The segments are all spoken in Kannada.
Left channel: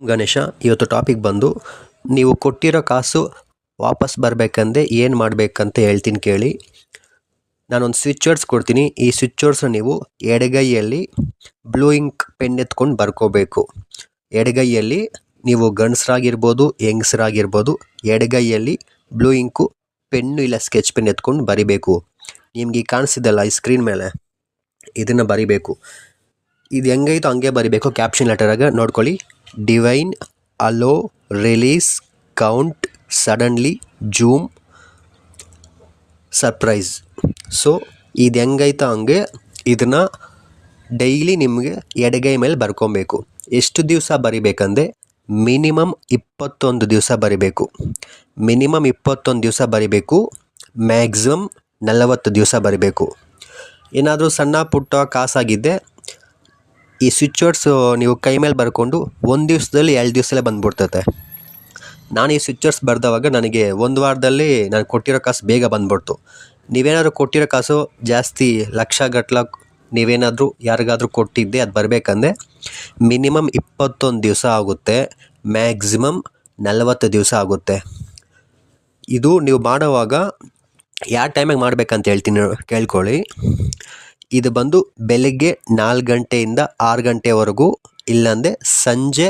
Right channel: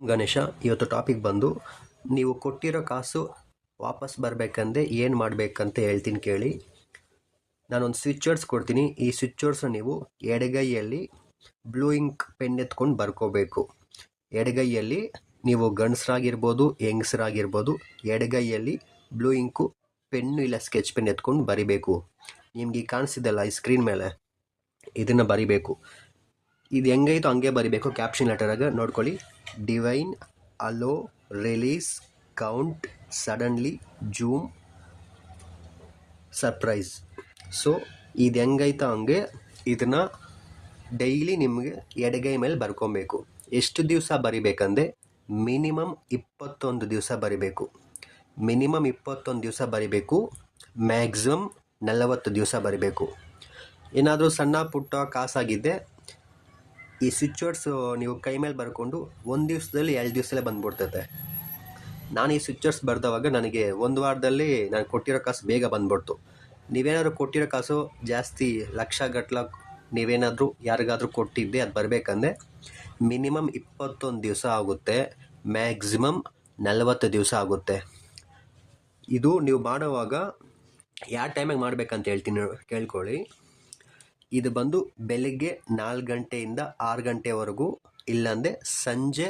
ಗಣೇಶ, ಇವತ್ತು ಟಾಪಿಕ್ ಬಂದು, ನೀವು ಕೊಟ್ಟಿರೋ ಕಾಸು ವಾಪಸ್ ಬರಬೇಕಂದ್ರೆ ಏನು ಮಾಡಬೇಕಂತ ಹೇಳ್ತೀನಿ ಕೇಳಿ. ನಾನೊಂದು ಸ್ವಿಚ್ ವರ್ಡ್ಸ್ ಕೊಡ್ತೀನಿ. ಈ ಸ್ವಿಚ್ ವರ್ಡ್ಸ್ನ ನೀವು ಎಡಗೈಯಲ್ಲಿ ಬ್ಲೂ ಇಂಕ್ ಪೆನ್ ಎತ್ಕೊಂಡು ಬರ್ಕೋಬೇಕು. ಎಡಗೈಯಲ್ಲಿ ನೀವು ಗಂಡಸರಾಗಿರ್ಬೋದು, ಹೆಂಗಸರಾಗಿರ್ಬೋದು, ಎಡಗೈಯಲ್ಲಿ ಬ್ಲೂ ಇಂಕು ಪೆನ್ನು ಇಲ್ಲ ಸ್ಕೆಚ್ ಪೆನ್ ಎತ್ಕೊಂಡು ಬರಿಬೇಕು. ನಿಮಗೆ ಕಾಣಿಸಿದಲ್ಲ ಈ ಸ್ಕ್ರೀನ್ ಮೇಲೆ? ಇದನ್ನು ಬರಿಬೇಕು. ಇದು ಹೆಂಗೈತೋ ಹಂಗೆ ಬರಿಬೇಕು ಕ್ಯಾಪ್ಷನ್ ಲೆಟರಾಗ ನೋಡ್ಕೊಳ್ಳಿ. Divine allow release count suddenly zoom surprise so ಇದು ಹೆಂಗೈತೋ ಹಂಗೆ? ಇದನ್ನು ಡೈಲಿ ನಿಮಗೆ ಎಡಗೈ ಮೇಲೆ ಬರ್ಕೊಬೇಕು. ಎಷ್ಟು ದಿವಸ ಬರಿಬೇಕಂದ್ರೆ ಮಿನಿಮಮ್ ಇಪ್ಪತ್ತೊಂದು ದಿವಸ ಬರಿಬೇಕು. ಮಿನಿಮಮ್ ಇಪ್ಪತ್ತೊಂದು ದಿವಸ ಬರಿಬೇಕು, ಮ್ಯಾಕ್ಸಿಮಮ್ ನಲವತ್ತು ದಿವಸ ಬರಿಬೇಕು. ಏನಾದರೂ ಸಣ್ಣ ಪುಟ್ಟ ಕಾಸಾಗಿದ್ದೆ ಈ ಸ್ವಿಚ್ ವರ್ಡ್ಸು ನೀವು ಕೈ ಮೇಲೆ ಬರ್ಕೊಂಡು ಒಂದು ದಿವಸದಲ್ಲಿ ಎರಡು ದಿವಸದಲ್ಲೇ ಬಂದ್ಬಿಡ್ತೈತೆ. ನಾನು ಈ ಸ್ವಿಚ್ ವರ್ಡ್ಸ್ ಬರೆದವಾಗ ನನಗೆ ಒಂದು ವಾರದಲ್ಲಿ ನಾನು ಕೊಟ್ಟಿರೋ ಕಾಸು ಬೇಗ ಬಂದ್ಬಿಡ್ತು. ನೀವೇನಾದ್ರೂ ಕೊಟ್ಟಿರೋ ಕಾಸು ಜಾಸ್ತಿ ಲಕ್ಷ ಗಟ್ಲ ನೀವೇನಾದರೂ ಯಾರಿಗಾದರೂ ಕೊಟ್ಟಿದ್ದೆ, ಅದು ಬರಬೇಕಂದ್ರೆ ಮಿನಿಮಮ್ ಇಪ್ಪತ್ತೊಂದು ದಿವಸ ಆಗುತ್ತೆ, ಮ್ಯಾಕ್ಸಿಮಮ್ ನಲವತ್ತು ದಿವಸ ಆಗುತ್ತೆ. ಇದು ನೀವು ಮಾಡೋವಾಗ ಯಾವ ಟೈಮಿಗೆ ಮಾಡಬೇಕಂತ ಹೇಳ್ತೀನಿ, ಕೇಳ್ಕೊಳ್ಳಿ. ಇದು ಬಂದು ಬೆಳಗ್ಗೆ ನಾಲ್ಕು ಗಂಟೆಯಿಂದ ಆರು ಗಂಟೆವರೆಗೂ, ಇಲ್ಲಾಂದರೆ ಸಂಜೆ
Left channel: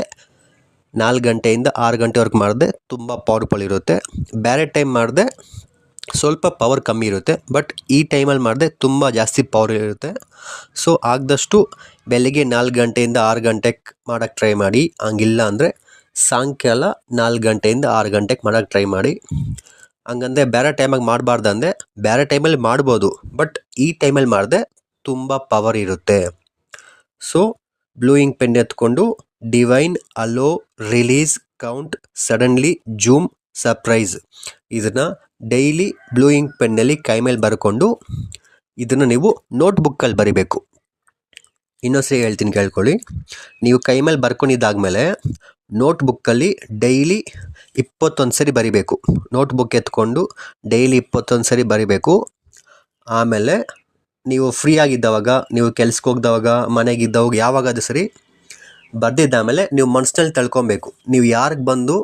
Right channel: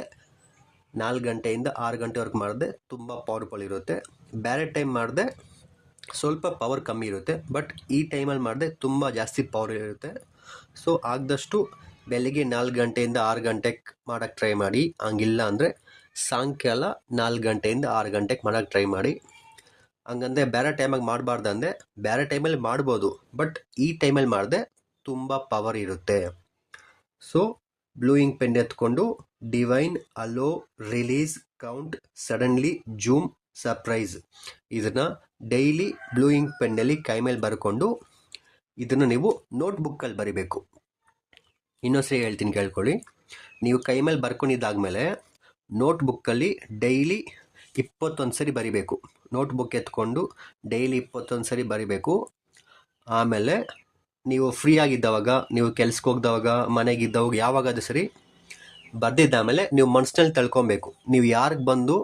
ನಾಲ್ಕು ಗಂಟೆಯಿಂದ ಆರು ಗಂಟೆವರೆಗೂ ಮಾಡಿದೆ ತುಂಬ ಪವರ್ಫುಲ್ ಇರುತ್ತೆ. ಬೇರೆ ಟೈಮ್ ಮಾಡಿದೆ ಸ್ವಲ್ಪ ಪವರ್ ಕಮ್ಮಿ ಇರುತ್ತೆ ಬಟ್ ಈ ಟೈಮಲ್ಲಿ ಮಾಡಿದೆ ತುಂಬ ಜಾಸ್ತಿ ಪವರ್ ಇರುತ್ತೆ. ಸೊ ಆಗದಷ್ಟು ಬೆಳಗ್ಗೆ ನಾಲ್ಕು ಗಂಟೆಯಿಂದ ಆರು ಗಂಟೆಗೆ ಮಾಡೋಕ್ಕೆ ಟ್ರೈ ಮಾಡಿ. ಹಂಗಿಲ್ಲ ಅಂದರೆ ಸಾಯಂಕಾಲ ನಾಲ್ಕು ಗಂಟೆಯಿಂದ ಆರು ಗಂಟೆಗೆ ಮಾಡೋಕ್ಕೆ ಟ್ರೈ ಮಾಡಿ. ಹಂಗಂದ್ರೆ ಬೇರೆ ಟೈಮಾಗಿ ಮಾಡಬಾರ್ದಂದೆ ಬೇರೆ ಟೈಮಲ್ಲಿ ಮಾಡ್ಬೋದು ಬಟ್ ಈ ಟೈಮಲ್ಲಿ ಮಾಡಿದ್ರೆ ತುಂಬ ಪವರ್ ಇರುತ್ತೆ. ಸೊ ಬ್ಲೂಯಿಂಗ್ ಪೆನ್ ಎತ್ಕೊಂಡು divine allow release count suddenly zoom surprise ಇದನ್ನು ಡೈಲಿ ಬ್ಲೂಯಿಂಗ್ ಪೆನ್ನಲ್ಲಿ ಕೈ ಮೇಲೆ ಬರ್ಕೊಂಡು ಇದನ್ನು ನೀವು ನೋಟ್ಬುಕ್ಕಲ್ಲಿ ಬರಿಬೇಕು. ಇನ್ನೊಂದ್ಸರಿ ಹೇಳ್ತೀನಿ ಕೇಳ್ಕೊಳ್ಳಿ. ನೀವು ಕೈ ಮೇಲೆ ಬರ್ಕೊಂಡಿದ್ದಾದಮೇಲೆ ನೋಟ್ಬುಕ್ಕಲ್ಲಿ ಡೈಲಿ ಇಪ್ಪತ್ತೊಂದು ಸರಿ ಬರಿಬೇಕು. ನೋಟ್ಬುಕ್ ಎತ್ಕೊಂಡು ಡೈಲಿ ಇಪ್ಪತ್ತೊಂದು ಸರಿ ಬರಿಬೇಕು. ಆಮೇಲೆ ನೀವು ಫ್ರೀ ಆಗಿದ್ದವಾಗ, ನೀವು ಕೆಲ್ಸಕ್ಕೆ ಹೋಗ್ದವಾಗ, ಮನೆಗಿದ್ದವಾಗ, ಯಾವಾಗಾದ್ರೂ ಸರಿ ಬರ್ದಿದ್ದಾಮೇಲೆ ನೀವು ಮನಸ್ಸಿನಲ್ಲಿ ತಳ್ಕೊಬೇಕು. ನೀವು ಯಾರಿಗೆ ಬಂದು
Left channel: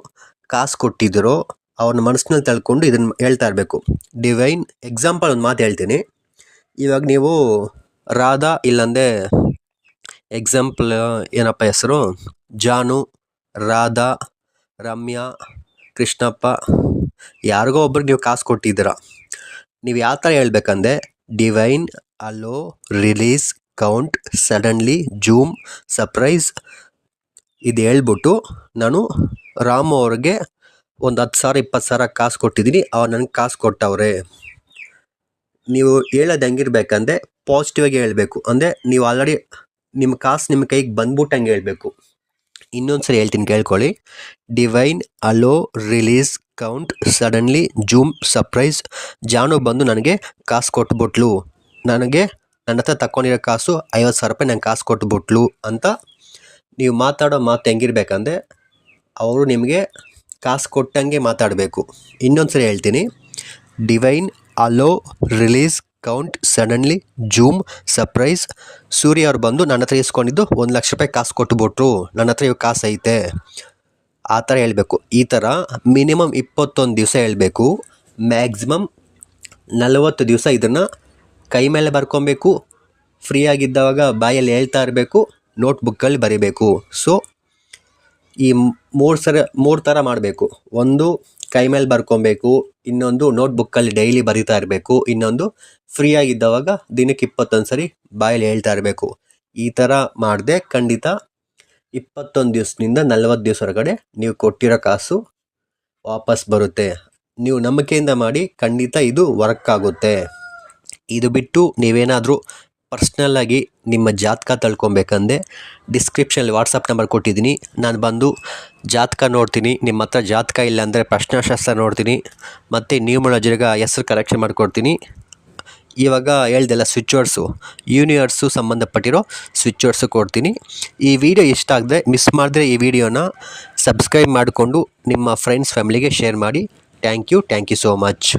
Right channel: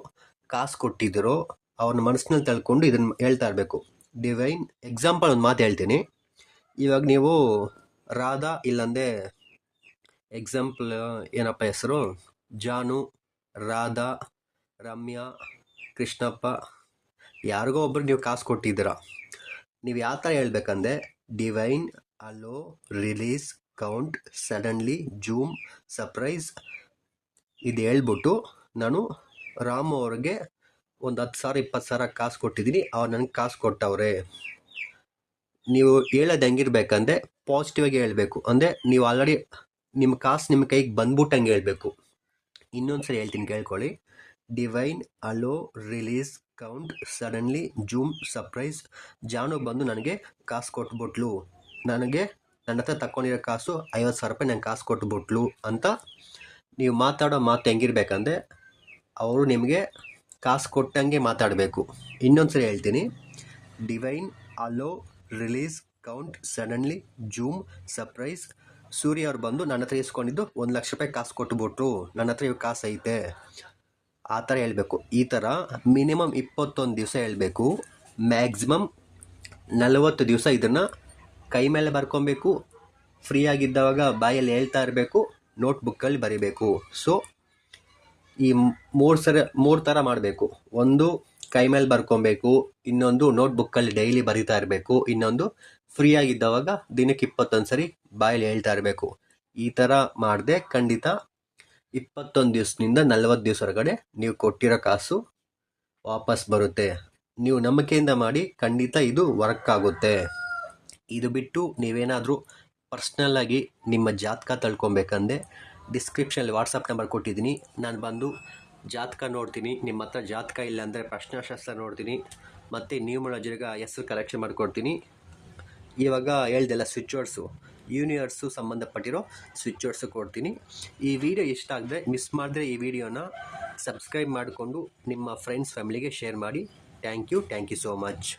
ಕಾಸು ಕೊಟ್ಟಿದ್ದೀರೋ ಅವ್ರನ್ನ ಮನಸ್ಸಿನಲ್ಲಿ ತಳ್ಕೊಂಡು ಇದನ್ನು ಹೇಳ್ತಾ ಇರಬೇಕು. ಡಿವೈನ್ ಎಕ್ಸಾಂಪಲ್ ಒಂದು ಮಾತು ಹೇಳ್ತೀನಿ. ಇವಾಗ ನೀವು ರಾಧಾ ಇಲ್ಲಂದೆ ಎಕ್ಸಾಂಪಲ್ ಏನಪ್ಪ ಹೆಸರು? ಜಾನು, ರಾಧಾ, ರಮ್ಯಾ, ಕೃಷ್ಣಪ್ಪ, ಯಾರಿಗೋ ಒಬ್ರಿಗೆ ನೀವು ಕಾಸು ಕೊಟ್ಟಿದ್ದೀರ. ನೀವು ಯಾವ ಥರ ಹೇಳ್ಬೇಕಂದ್ರೆ divine allow release count suddenly zoom surprise ಇದು ಹೇಳ್ಬಿಟ್ಟು ನಾನು ರಾಮು ಅವ್ರಿಗೆ ಒಂದು ಹತ್ತು ಸಾವಿರ, ಇಪ್ಪತ್ತು ಸಾವಿರ ಕಾಸು ಕೊಟ್ಟಿದ್ದೀನಿ. ಅವ್ರು ನನಗೆ ಕಾಸು ಕೊಟ್ಟವ್ರೆ. ನೀವು ಹೇಳೋದು ಹೆಂಗಿರ್ಬೇಕಂದ್ರೆ ಪಾಸಿಟಿವ್ ಆಗಿ ಹೇಳಬೇಕು. ಅಂದರೆ ನೀವು ಆಲ್ರೆಡಿ ನಿಮ್ಮ ಕಾಸು ನಿಮ್ಮ ಕೈಗೆ ಬಂದ್ಬಿಟ್ಟಂಗೆ ಹೇಳಬೇಕು. ಇನ್ನೊಂದು ಸರಿ ಹೇಳ್ತೀನಿ, ಕೇಳ್ಕೊಳ್ಳಿ. Divine allow release count suddenly zoom surprise. Janu ಬಂದು ನನಗೆ ಕಾಸು ಕೊಟ್ಬಿಟ್ಲು. ನನಗೆ ನನ್ನ ಹತ್ರ ತಗೊಂಡಿರೋ ಕಾಸು ಐವತ್ತು ಸಾವಿರ ರೂಪಾಯಿ ನಂಗೆ ಕಾಸು ಕೊಟ್ಬಿಟ್ಲು ಅಂತ ನೀವು ಮಾತಾಡೋ ಮಾತು ಹೆಂಗಿರ್ಬೇಕಂದ್ರೆ ಅವರು ನಿಮಗೆ ಕಾಸು ಕೊಟ್ಟಂಗೆ ಮಾತಾಡಬೇಕು. ಇನ್ನೊಂದು ಸರಿ ಹೇಳ್ತೀನಿ. Divine allow release count suddenly zoom surprise Surya ಅವ್ರು ಬಂದು ನನ್ನ ಹತ್ರ ಇಸ್ಕೊಂಡಿದ್ದು ಒಂದು ಲಕ್ಷ ರೂಪಾಯಿ ಕಾಸು ಕೊಟ್ಬಿಟ್ರು ನನ್ನ ಹತ್ರ ಇವಾಗ ಕಾಸು ಐತೆ. ಆ ಥರ ಹೇಳಬೇಕು. ಈ ಥರ ಮಿನಿಮಮ್ ಇಪ್ಪತ್ತೊಂದು ದಿವಸ ಹೇಳಬೇಕು. ಮ್ಯಾಕ್ಸಿಮಮ್ ನಲವತ್ತು ದಿವಸ ಇದನ್ನು ಕೈ ಮೇಲೆ ಬರ್ಕೊಬೇಕು ಆಗಿದ್ದಾಗ ಬಾಯಲ್ಲಿ ಹೇಳ್ತಾ ಇರಬೇಕು ನೋಟ್ಬುಕ್ಕಲ್ಲಿ ಬರೀಬೇಕು. ಸೊ ಈ ಮೂರು ಸರ, ಮೂರು ಥರ ಮಾಡಬೇಕು. ಒಂದು, ಕೈ ಮೇಲೆ ಬರ್ಕೊಬೇಕು, ಇನ್ನೊಂದು ನೋಟ್ಬುಕ್ಕಲ್ಲಿ ಡೈಲಿ ಬರಿತಾ ಇರಬೇಕು, ಇನ್ನೊಂದು ಫ್ರೀ ಆಗಿದ್ದಾಗ ದಿನಕ್ಕೆ ಇಪ್ಪತ್ತೊಂದು ಸರಿ ಬಾಯಲ್ಲಿ ಹೇಳ್ತಾ ಇರಬೇಕು. ಈ ಥರ ಮಾಡಿದೆ ಖಂಡಿತ ಇಪ್ಪತ್ತೊಂದು ದಿವಸದಿಂದ ನಲ್ವತ್ತು ದಿವಸ ಹೊರಗಡೆ ನೀವು ಕೊಟ್ಟಿರೋ ಕಾಸು ವಾಪಸ್ ಬರುತ್ತೆ. ನೀವು ನಂಬಿಕೆಯಿಂದ ಮಾಡಿ ಖಂಡಿತ ಇದು ವರ್ಕ್ ಆಗುತ್ತೆ. ಇದು ಬಿಟ್ಟು ನೀವೇನಾದರೂ ಪರ್ಸ್ನಲ್ಲಾಗಿ ನಿಮ್ಮ ಜಾತಕ ತಳ್ಕೊಬೇಕಂದೆ ಡಿಸ್ಕ್ರಿಪ್ಷನಲ್ಲಿ ವಾಟ್ಸಪ್ ನಂಬರ್ ಕೊಟ್ಟಿದ್ದೀನಿ. ನಾನು ಬಂದು ಜಾತಕ ನೋಡ್ತೀನಿ. ನಿಮ್ಮ ಹತ್ರ ಜಾತಕ ಇಲ್ಲ ಅಂದರೆ ಪ್ರಶ್ನಾಶಾಸ್ತ್ರ ನೋಡ್ತೀನಿ. ಮತ್ತು ನ್ಯೂಮರಾಲಜಿಗ ಹೆಸ್ರು ಕರೆಕ್ಷನ್ ಮಾಡಿಕೊಡ್ತೀನಿ. ಇವಾಗ ಹೇಳ್ದೆಲ್ಲ ಸ್ವಿಚ್ ವರ್ಡ್ಸು ಯೂನಿವರ್ಸು ಸಂಬಂಧಪಟ್ಟಿರೋ ಸ್ವಿಚ್ ವರ್ಡ್ಸು ಕೊಡ್ತೀನಿ. ಈ ವಿಡಿಯೋ ಇಷ್ಟ ಆಗದೆ ಮಿಸ್ ಮಾಡಿದ್ರೆ ಈ ವಿಡಿಯೋನ ಸಬ್ಸ್ಕ್ರೈಬ್ ಮಾಡಿಕೊಂಡು ನಿಮ್ಮ ಫ್ರೆಂಡ್ಸ್ ಫ್ಯಾಮಿಲಿಗೆ ಶೇರ್ ಮಾಡಿ. Thank you thank you so much